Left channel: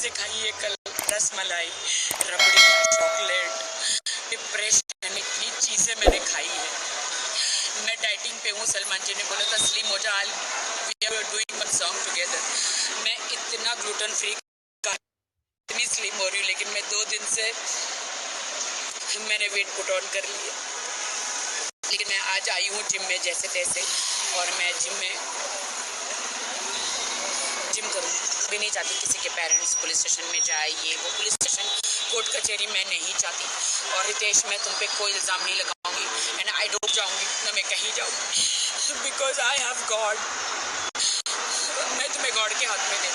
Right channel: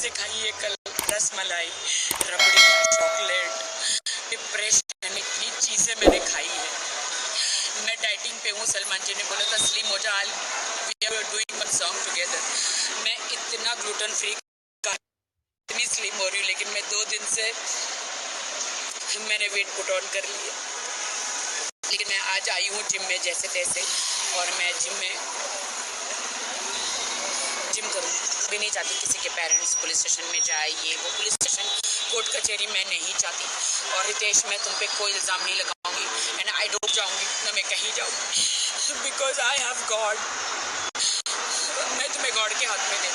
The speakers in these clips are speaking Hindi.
चीज़ें खाई है कल, रसमलाई, रबड़ी, चॉकलेट, डिप्रेशन, इतनी चीज़ें मैंने खाई है। मैं डाइटिंग पे हूँ। सलमान जी ने बोला था स्लिम हो जा, we are doing one song together. मैं इतना ग्लूटेन फ्री, इतनी स्लिम हो रही हूँ, लेकिन मैं 2 दिन से मैंने वेट पुट ऑन कर लिया। लेकिन मैं आज आई हूँ जिम में जैसे तैसे, और मैं जिम करूँ भी नहीं चाहती किसी के पेरेंट्स पुलिस स्टेशन में जाए, ये वो पुलिस स्टेशन कोर्ट कचहरी मैं नहीं चाहती। और रितेश, मैं तुम पे कोई इल्ज़ाम नहीं लगाऊंगी एंड आई डोंट जाऊंगी ना, मैं कहीं जाऊंगी बिकॉज आई हैव गॉड। मैं तुम्हें गॉड के हाथ में दे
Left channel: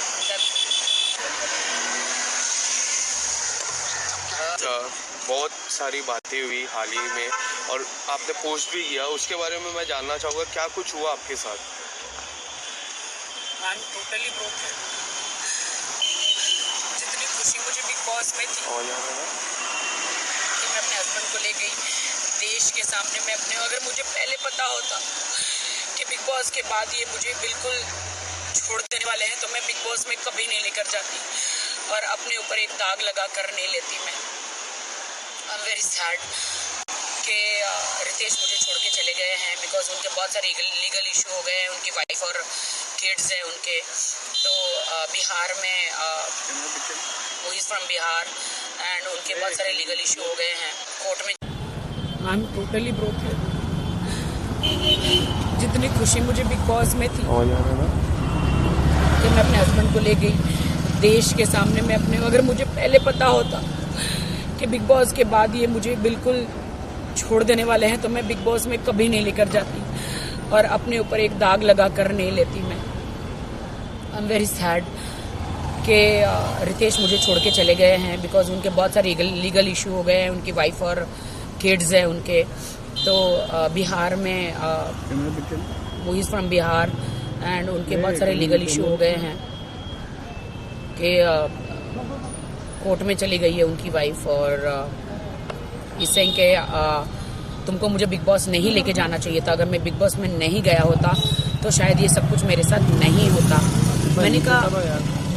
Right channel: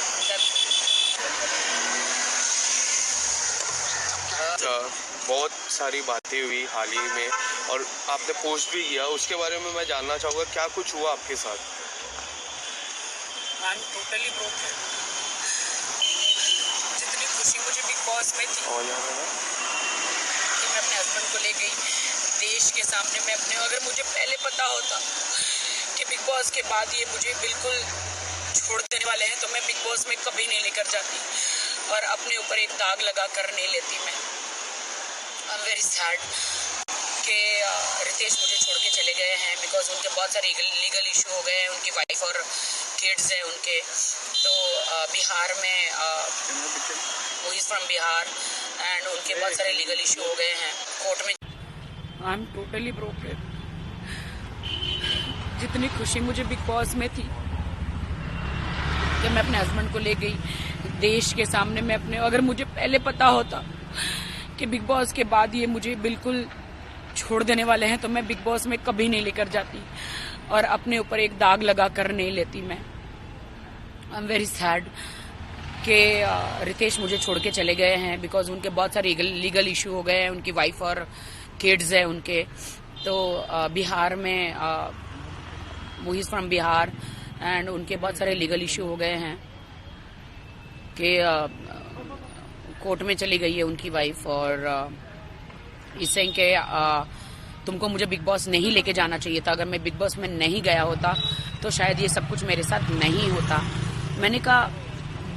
बहुत सारी बातें हुई हाल ही में और आपने पोस्ट भी किया, उसके बारे में मैं जानना चाहूँगा क्या कुछ हुआ आपके साथ? I am totally broken. जितनी खुशी मुझे बिग बॉस में थी कि मैं अपने हस्बैंड को ले गई देश के सामने, मैं अपने, अगर मुझे पहले पता होता कि बिग बॉस के बाद ये मुझे बिल्कुल छोड़ देने वाले हैं तो मैं बिग बॉस में कभी नहीं लेकर जाती और अपने ऊपर एक दाग लगा कर नहीं लेती। मैं आई एम वेरी सैड कि रितेश मुझे छोड़ के चले गए हैं बिकॉज उनके बहुत सारे लीगल इशू हो गए हैं। उनकी वाइफ और किड्स हैं उनके, तो बिहार में, वो इज़ फ्रॉम बिहार एंड उनके बहुत सारे लीगल इशू हो गए हैं कोर्ट में। I am totally broken. जितनी खुशी मुझे बिग बॉस में थी कि मैं अपने हस्बैंड को ले गई देश के सामने, मैं अपने, अगर मुझे पहले पता होता कि बिग बॉस के बाद ये मुझे बिल्कुल छोड़ देने वाले हैं तो मैं बिग बॉस में कभी नहीं लेकर जाती और अपने ऊपर एक दाग लगा कर नहीं लेती। मैं आई एम वेरी सैड कि रितेश मुझे छोड़ के चले गए हैं बिकॉज उनके बहुत सारे लीगल इशू हो गए हैं। उनकी वाइफ और किड्स हैं उनके, तो बिहार में, वो इज़ फ्रॉम बिहार एंड उनके बहुत सारे लीगल इशू हो गए हैं कि कोर्ट में चली गई है उनकी वाइफ और इससे कि तुमको मुझे बिग बॉस नहीं लेके जाना चाहिए था। अगर मैं बिग बॉस में नहीं गया होता तो शायद ये सब कुछ मेरे साथ नहीं होता। मैंने कहा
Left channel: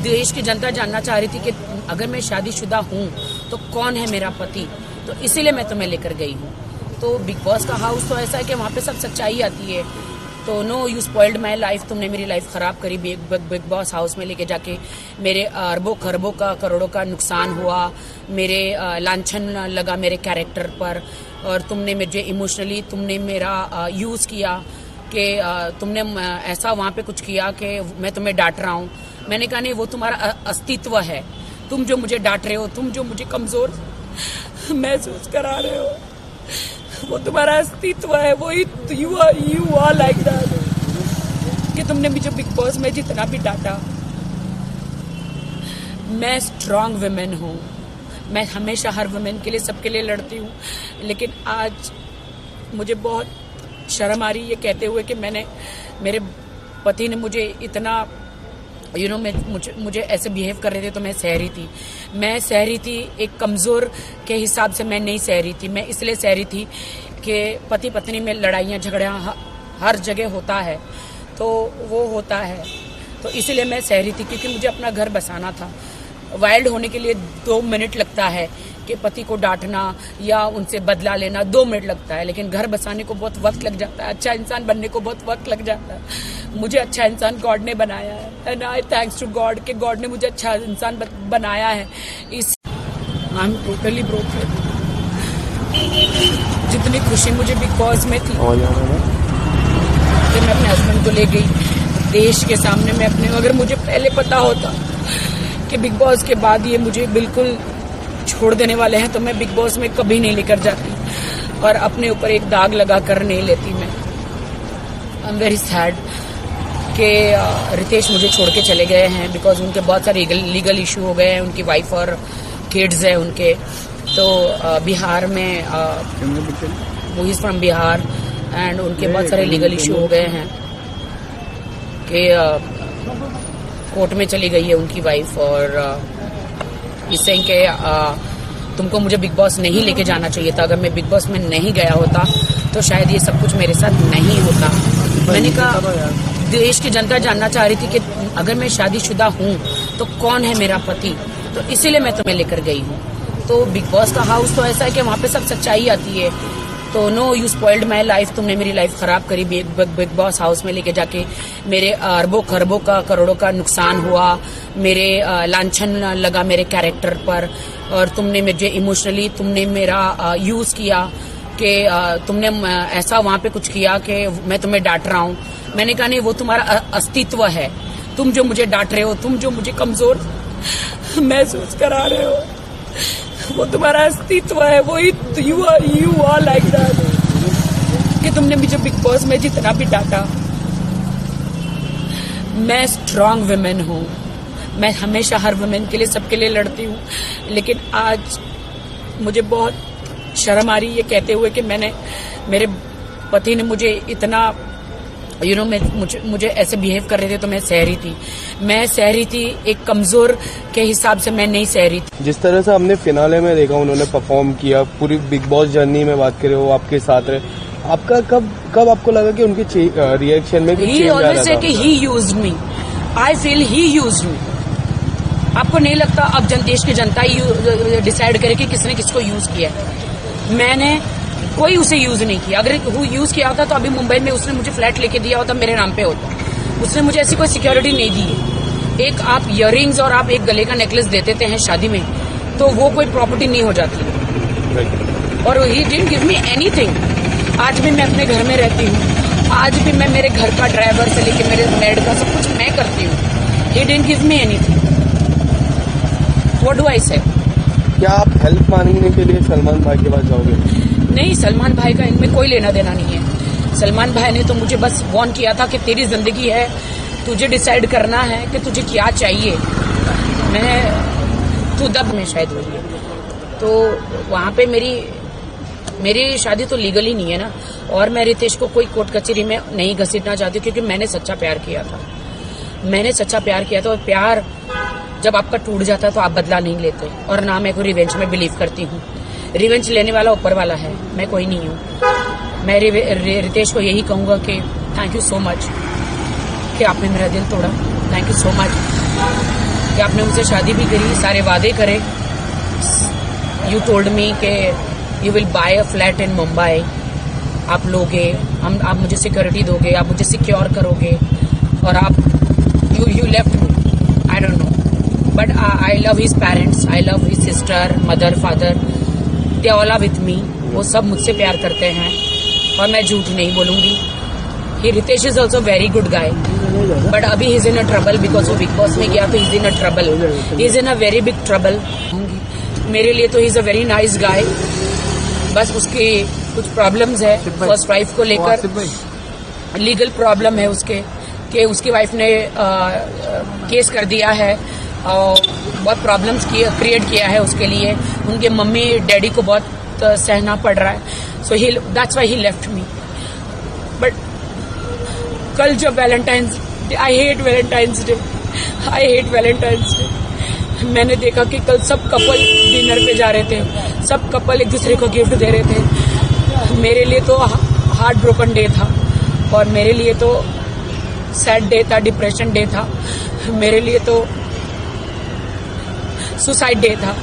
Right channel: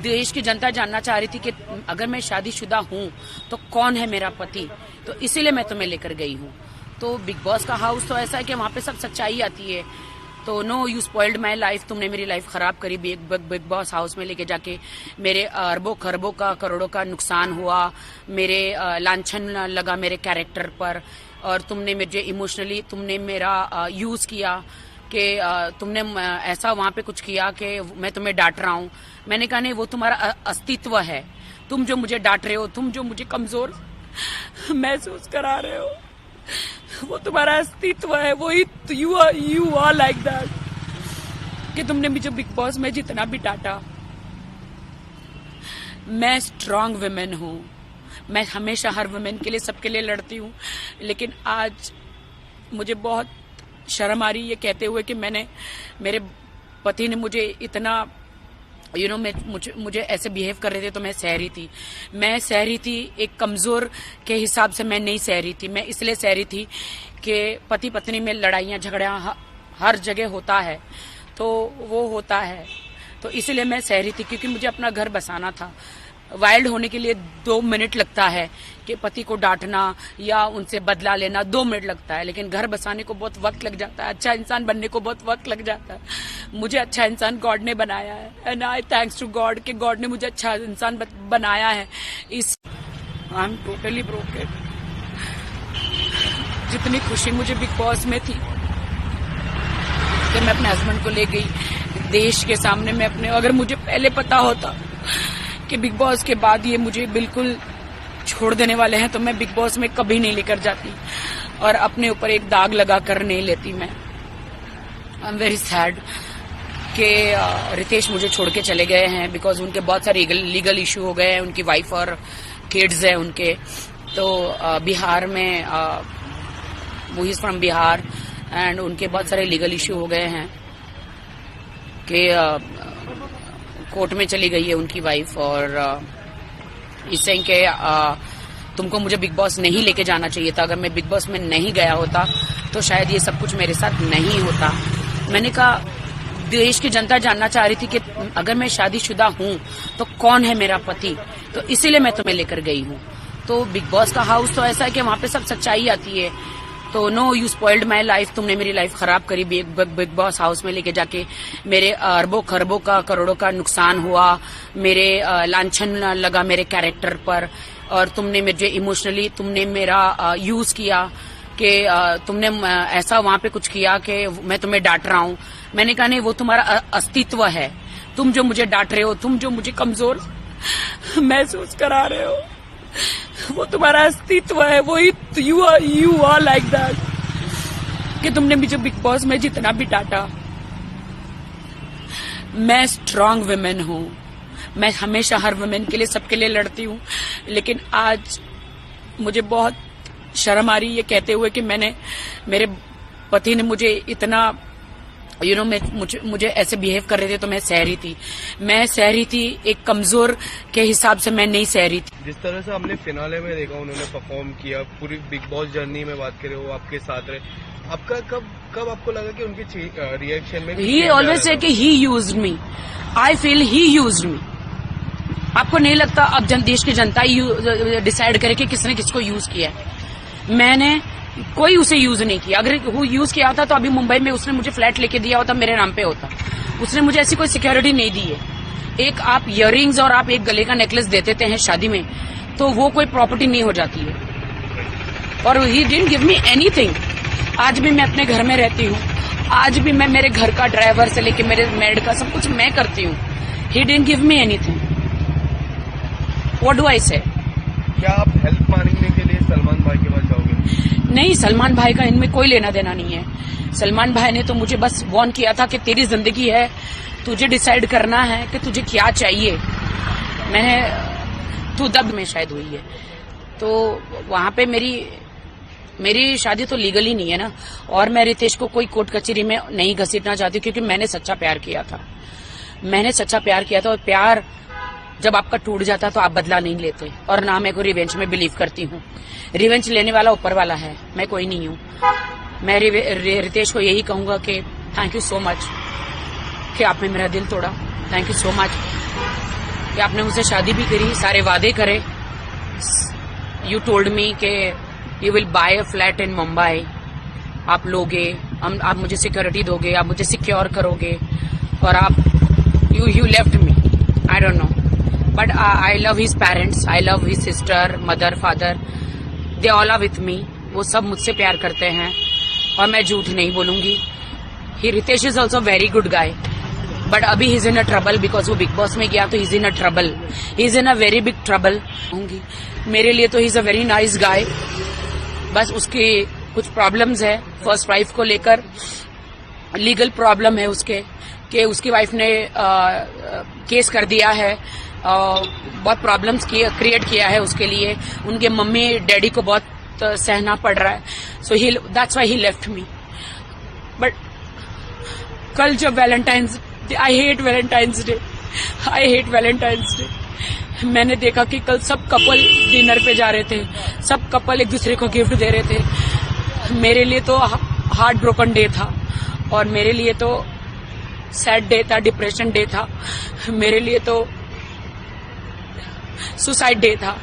देश की जनता जानना चाह रही थी कि अगर मैं शादीशुदा हूँ तो कौन है मेरा पति, तो इसीलिए मैं तुम्हें लेकर गई हूँ। तो बिग बॉस का हाउस तो ऐसा है कि वहाँ पे सब सच्चाई आती है। तो no, you spoiled my life, तुमने मेरी लाइफ खराब करी बिग बॉस हाउस में लेके जाके। मेरे अरबों खरबों का, करोड़ों का नुकसान हुआ, मेरे लांछन लगा मेरे कैरेक्टर पर, और तुमने मुझे इमोशनली तुमने मेरा यूज किया कि तुमने ऐसा वहाँ पे कुछ किया कि मैं तुम्हें डांट रहा हूँ। मैंने कहा नहीं, वो तुम्हारा अस्तित्व है। तुम जो मुझे डांट रहे हो, तुम जो मुझे कमजोर महसूस करा रहे हो, वो तुम्हारा अस्तित्व है। वो यू आर लाइक दैट कि तुमने मुझे बिग बॉस में जितना भी डांटा। मैं स्ट्रांग वुमेन हूँ, मैं हमेशा हर वुमेन के लिए, सबके लिए लड़ती हूँ, लेकिन आज मुझे बहुत शर्म आ रही है ये कहते हुए कि मेरे पति ने मुझे इतना मुझे ऐसे बिहेव कर रहे थे तो मैं सह रही थी। एक कमजोर के हिसाब से मैं नहीं सह रही थी। मैं इसलिए सह रही थी कि पति पत्नी में लड़ाइयाँ झगड़ियाँ हर जगह होता है, तो वो होता है, तो इसलिए मैं सह रही थी क्योंकि मुझे अपना घर बसाना था। वाइल्ड होने के लिए 2 मिनट लगता है कि पति को डांटना या उनसे बदला लेना 2 मिनट लगता है, लेकिन घर बसाने को बहुत वक्त लग जाता है। अच्छा इंसान बनने को बहुत वक्त लग जाता है। मुझे अच्छा इंसान गॉड ने बनाया है and I thanks to God कि गॉड ने मुझे अच्छा इंसान बनाया है। इस आई एम टोटली ब्रोकन। जितनी खुशी मुझे बिग बॉस में थी कि मैं अपने हस्बैंड को ले गई देश के सामने, मैं अपने, अगर मुझे पहले पता होता कि बिग बॉस के बाद ये मुझे बिल्कुल छोड़ देने वाले हैं तो मैं बिग बॉस में कभी नहीं लेकर जाती और अपने ऊपर एक दाग लगा कर नहीं लेती। मैं आई एम वेरी सैड कि रितेश मुझे छोड़ के चले गए हैं बिकॉज उनके बहुत सारे लीगल इशू हो गए हैं। उनकी वाइफ और किड्स हैं उनके, तो बिहार में, वो इज़ फ्रॉम बिहार एंड उनके बहुत सारे लीगल इशू हो गए हैं कि कोर्ट में चली गई है उनकी वाइफ और इससे कि तुमको मुझे बिग बॉस नहीं लेके जाना चाहिए था। अगर मैं बिग बॉस में नहीं गया होता तो शायद ये सब कुछ मेरे साथ नहीं होता। मैंने कहा देश की जनता जानना चाह रही थी कि अगर मैं शादीशुदा हूँ तो कौन है मेरा पति, तो इसीलिए मैं तुम्हें लेकर गई हूँ। तो बिग बॉस का हाउस तो ऐसा है कि वहाँ पे सब सच्चाई आती है। तो no, you spoiled my life, तुमने मेरी लाइफ खराब करी बिग बॉस हाउस में लेके जाके। मेरे अरबों खरबों का करोड़ों का नुकसान हुआ, मेरे लांछन लगा मेरे कैरेक्टर पर, और तुमने मुझे इमोशनली तुमने मेरा यूज किया कि तुमने ऐसा वहाँ पे कुछ किया कि मैं तुम्हें डांट रहा हूँ। मैंने कहा नहीं, वो तुम्हारा अस्तित्व है। तुम जो मुझे डांट रहे हो, तुम जो मुझे कमजोर महसूस करा रहे हो, वो तुम्हारा अस्तित्व है। वो यू आर लाइक दैट कि तुमने मुझे बिग बॉस में जितना भी डांटा। मैं स्ट्रांग वुमेन हूँ, मैं हमेशा हर वुमेन के लिए, सबके लिए लड़ती हूँ, लेकिन आज मुझे बहुत शर्म आ रही है कहते हुए कि मेरे पति ने मुझे इतना मुझे ऐसे बिहेव कर रहे थे, तो मैं सह रही थी एक कमजोर के हिसाब से मैं नहीं सह रही थी। जिस तरह से हमने फिनाले में देखा उन्होंने परफॉर्म किया, पूरी बिग बॉस जर्नी में बात करें वो आपके साथ रहे, आपका कब आपको लगा कि उनके रिएक्शन में कुछ चेंज आ रहा था? He used me, I feel he used me. आपको नहीं लगता अब देश की जनता ही डिसाइड करे कि किसने किसको यूज किया है? मैंने कोई उसे यूज नहीं किया। अगर वो यूज किया होता तो अभी मुंबई में उसने मुझे फ्लैट लेके दिया होता, मेरे नाम पे होता। उसने मुझे ऐसी कोई सिक्योरिटी नहीं दी। एक आप इयररिंग्स और आप एक गले का नेकलेस दे देते हैं शादी में, तो वो कोई प्रॉपर्टी नहीं हो जाती। और he didn't give me anything. आज भी मैं अपने घर में रहती हूँ, आज भी मैं मेरे घर का ड्राइवर से लेके मेरे मेड का सब कुछ मैं करती हूँ। He didn't give me anything. What do I से? क्या आप हेल्प मांगने के लिए सलमान भाई के पास जाओगे? नहीं, सलमान भाई का इनमें कोई लेना देना नहीं है। सलमान भाई ने तो मुझे बस वार्न किया था कि तेरी जिंदगी है, तुझे डिसाइड करना है कि तुझे क्या चाहिए। तू दक में शायद हुई है, तो वहाँ पे मेरी शादी तो लीगली नहीं है ना। और मैं रितेश को कोई कोर्ट कचहरी में नहीं घसीटना चाहती, क्योंकि मैंने सच्चा प्यार किया था। और प्यार जब आपका टूट जाता है तो आप बदला नहीं लेते। और ना मैं कोई रिवेंज में बिलीव करती हूँ। रिवेंज लेने वाला ऊपर वाला है, मैं कोई नहीं हूँ। मैं रितेश को यही कहूंगा कि थैंक यू सो मच कि आपने मेरा दिल तोड़ा। थैंक यू सो मच कि आपने मुझसे शादी भी करी, सारे वादे करे। यू टोल्ड मी कि you will buy a flat in Mumbai. आप लोगे, आप मुझे सिक्योरिटी दोगे, आप मुझे सिक्योर करोगे, और आप you left me. I don't know, but I love his parents, I love his sister, mother, father, they all are with me. वो सब मुझसे प्यार करते हैं, और मैं झूठ नहीं बोलूंगी। Ritesh is also very good guy, but अभी is in a trouble because वो बिग बॉस में गया, तो is in a trouble, is in a very big trouble. मेरे लिए तो is a very nice guy, बस उसके कुछ प्रॉब्लम्स है फर्स्ट वाइफ को लेकर। लीगल प्रॉब्लम है उसके कि उसकी वाइफ ने केस कर दिया है, बहुत प्रॉब्लम्स क्रिएट किया है उसके लिए। उनके मम्मी डैडी को बहुत सहना पड़ रहा है, so that's why he left me. But कल जब Valentine's day, I hate Valentine's day, मैंने देखा कि कल सब कपल डिनर पे जा रहे थे, सब कपल एक दूसरे को गिफ्ट दे रहे थे। मेरे लिए तो हार्ट ब्रोकन डे था, और मेरे लिए तो सैड डे था, डिप्रेशन डे था, मेरे लिए तो सुसाइड डे था,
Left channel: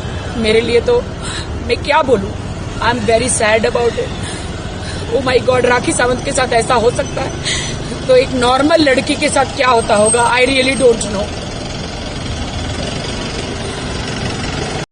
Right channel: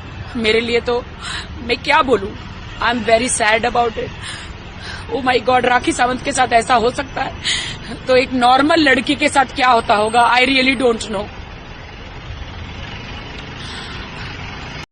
मेरे लिए तो मैं क्या बोलूं। I am very sad about it. Oh my god, Rakhi Sawant के साथ ऐसा हो सकता है, तो एक नॉर्मल लड़की के साथ क्या होता होगा? I really don't know.